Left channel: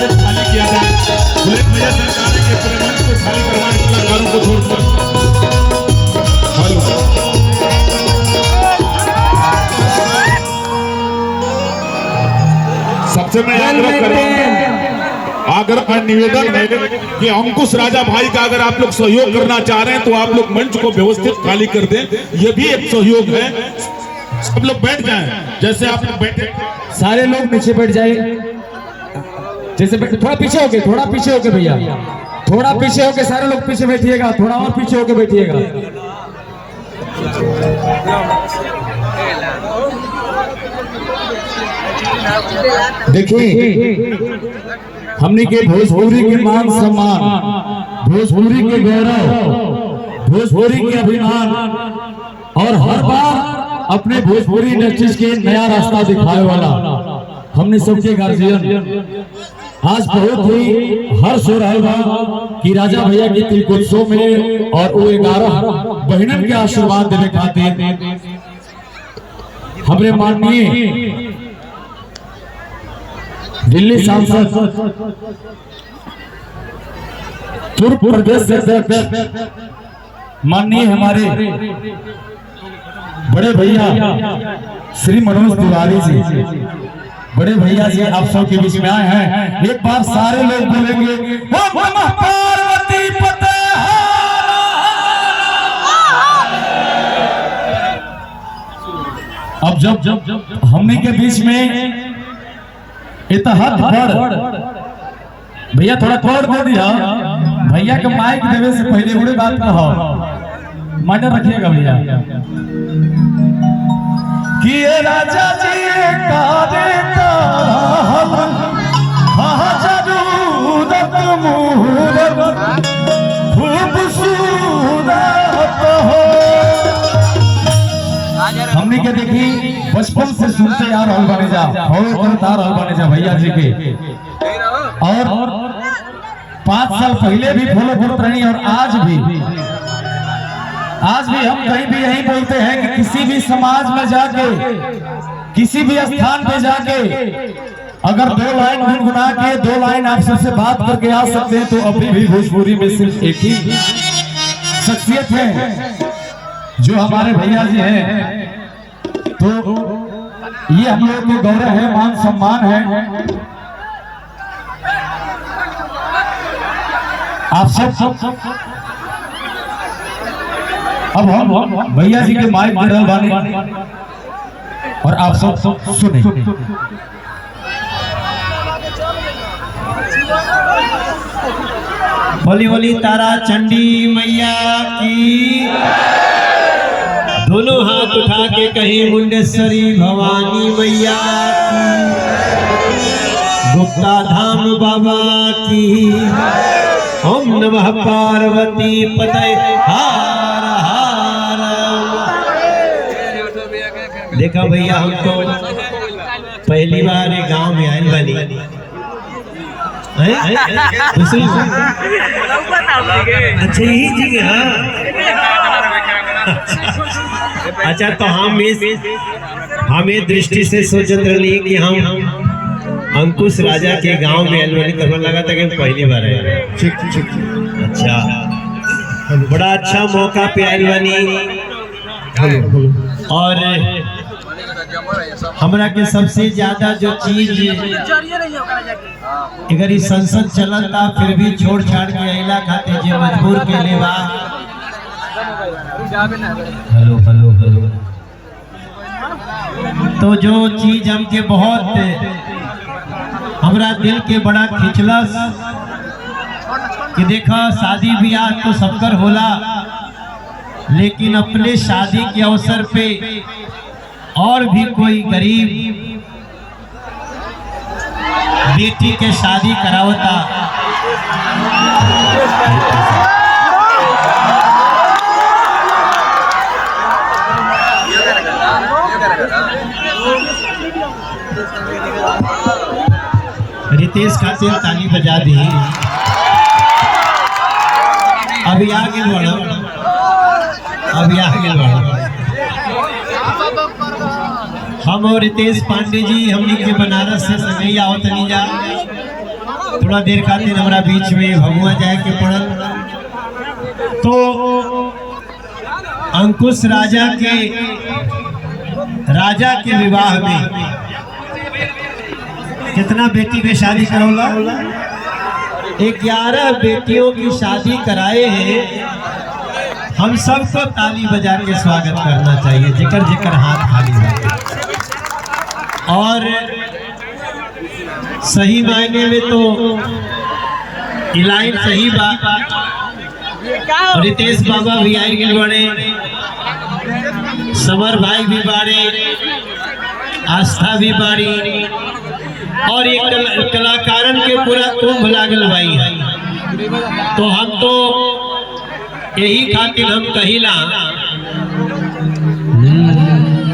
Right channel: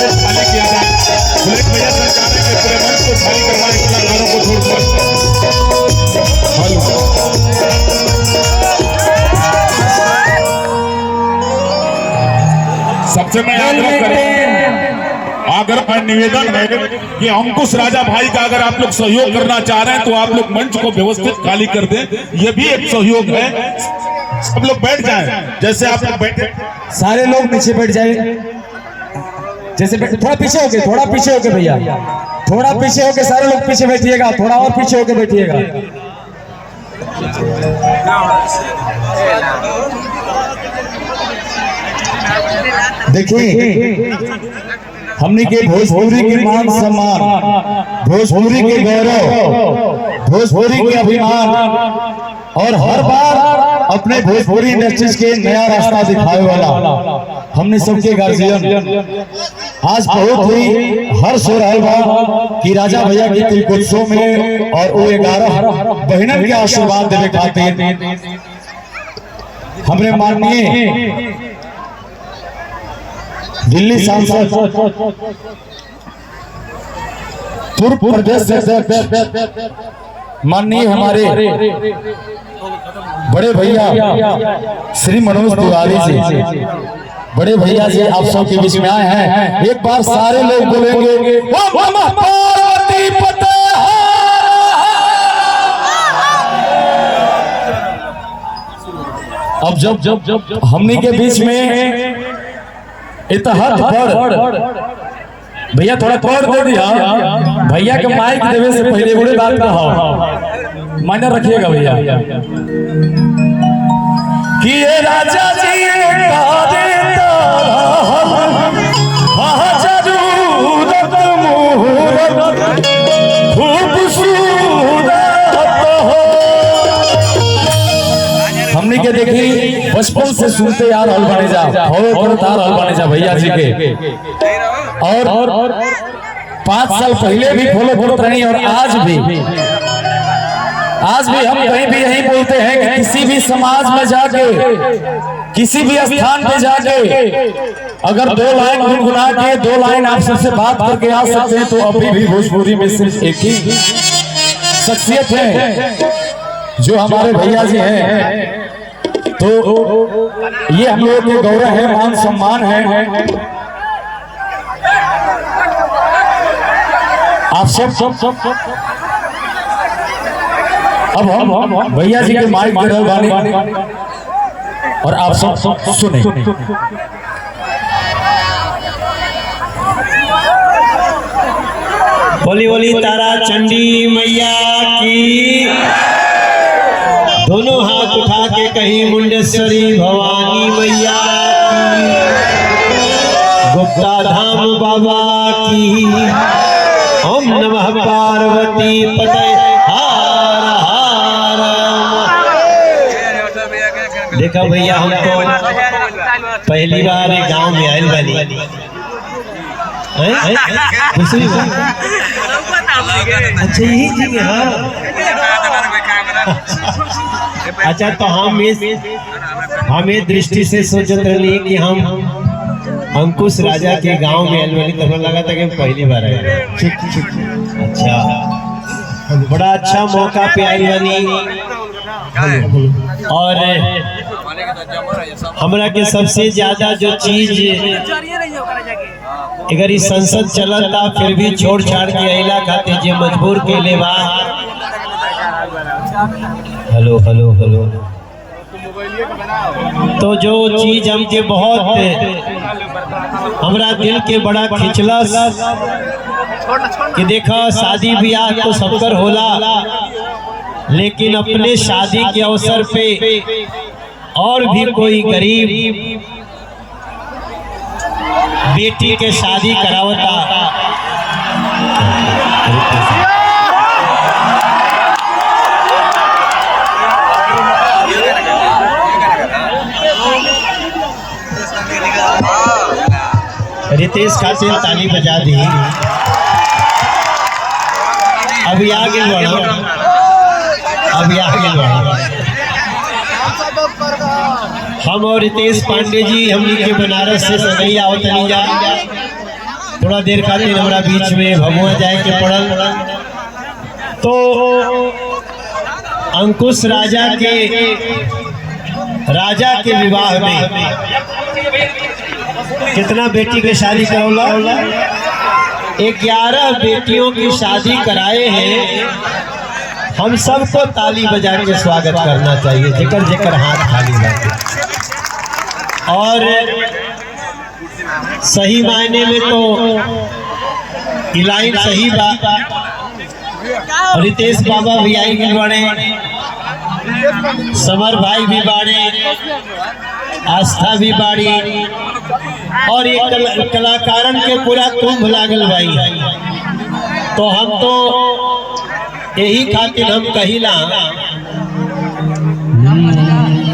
व्यवस्थित खाली किया जाए। बुलेट भैया सरकार के पूरे मंच को खाली करवाने कलाकारों को छोड़कर सबसे मैं आग्रह और निवेदन है कि अंकुश राजा भाई का अगर आप लोग सहयोग करना चाह रहे हैं तो आप लोग मंच को व्यवस्थित खाली कर दें। ये भी एक सहयोग है। सब लोग बैठ जाएं जैसे आप लोग बैठे, सारे लोग पीछे बैठ जाए। जैसे थोड़ा पीछे होके, थोड़ा पीछे होके भैया, थोड़ा पीछे होके सारे लोग पीछे बैठिएगा, थोड़ा और पीछे होके बैठिएगा। देखिए हमने के भोजपुरी के मान सम्मान, भोजपुरी के गौरव, भोजपुरी के अभिमान और हर बार अपने भोजपुरी इंडस्ट्रीज के नया रास्ता दिखाने वाला हमने सबके गार्जियन आज बहुत ही हर्ष हो रहा है कि राजा भैया के तिलकोत्सव में और वो 11 बहनों के आशीर्वाद देने खातिर हमने माननीय दिल्ली सांसद पूर्व प्रदेश अध्यक्ष माननीय हमारे बड़े भैया श्री मनोज तिवारी जी, बड़े भैया जी आप सबके बीच में आए हैं। एक बार सारे लोग बोलेंगे अब जब हमने के बीच में इतिहास भैया थोड़ा पढ़ दे दिया, भैया के माइक देवे से पहले बड़े बात का माने रखिएगा भैया कि राजा जी हमने के देखी बचपन से सुनते आ रहा बने जा भैया जी के, और 5 साल पहले भी फॉलो करते रहे और आज भी हम कहीं भी यही बोलते हैं कि किसी भी समाज में जाके, किसी भी स्थान पे जाके अगर 2 लाइन गुनगुना के 2 लाइन आप सबसे बात करके आ सकते हैं तो अभी भी भोजपुरी में सिर्फ एक ही शख्सियत है जो हमारे भैया जी हैं। तो ये हम लोग के गौरव है, मान सम्मान है। आप सब अब हम भैया जी के माइक दे रहे और आप सब सुने। बोली बोली तारा चंडी मैया की, दोनों हाथ उठा के कहीं मुंडेश्वरी भवानी मैया की, गुप्ता धाम बाबा की, ओम नमः पार्वती पते हार हार। देखा भैया हम तो पहली बार एक गांव में आयल वाली दूसरी बार, अच्छा यही जी हाँ। अच्छा तो हम दृष्टि से सोचते रही कि हम अंकुश राजा के गांव में अलवली तब लगा था कि पहली बार है। अच्छा बड़ा अच्छा मौका पे आई बनी और हमरा के सबसे ज्यादा जो चीज अगर इस संसद चलता फिर भी छोड़ छाड़ के अला खाते जे मजबूर के ले बा। Hello hello hello. तो जो चीज हमके बहुत हमरा दिल के बड़ा खिंचलस कि देखा शादी ब्याह तो सबकर होला, लेकिन अपने शादी के अवसर पे और भी कोई गरीब बेटी के शादी करावता रितेश खातिर ताली बजा दी। अभी आगे बढ़ो, अभी आगे बढ़ो। हम और रितेश पांडे जी हमनी के बनारस से सगैया होतनी जा थोड़ा देर खातिर हमारा बीच में भगवा जाए के पड़ल। तो अंकुश राजा के विवाह में कितना बेटी की शादी करोला? 11 बेटियों की शादी कराए हैं। हम सबको ताली बजा के स्वागत करना चाहिए, जेकर जेकर हाथ खाली लगे। और सही मायने में तो लाइन सही बात। और रितेश बाबा भी आई गए बड़े, समर भाई भी बाड़े, आस्था भी बाड़ी, और ये कलाकारन के पूरा कुंभ लागल भाई। तो हम तो यही खातिर हम कहिला